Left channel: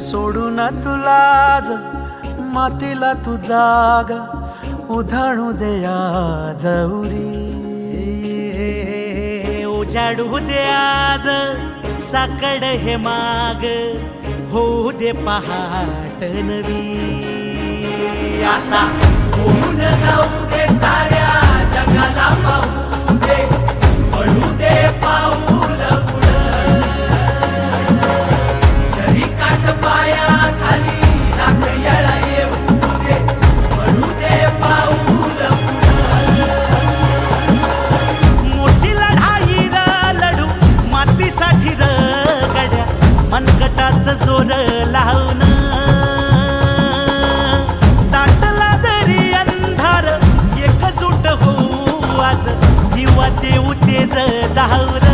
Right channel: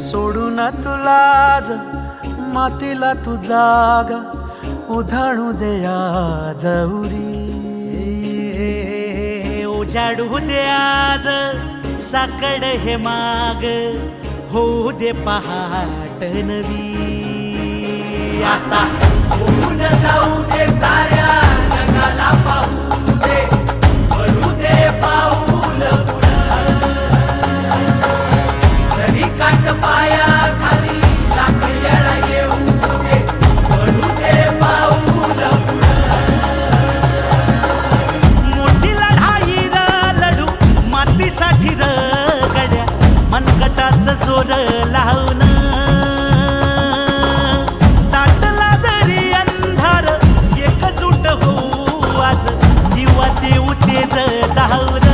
सोडून तुला मातीला तू जाग उधाणू दे आज उरी. उजाडू दे आज साकड हे माग होऊ दे पहाट नवी. आता होऊन जाऊ दे साऱ्या जगाला पाहू दे पडू दे पाऊल पुढं. जरी काट पाया खाली लाख येळा येऊ दे पडू दे पाऊल पुढं. मोठी लढाई र लढू मातीसाठी र गड्या मनगटाचं जोर लावून. दाटला जरी अंधार एकजूट होऊ आज दिवा देऊ तेज दावर.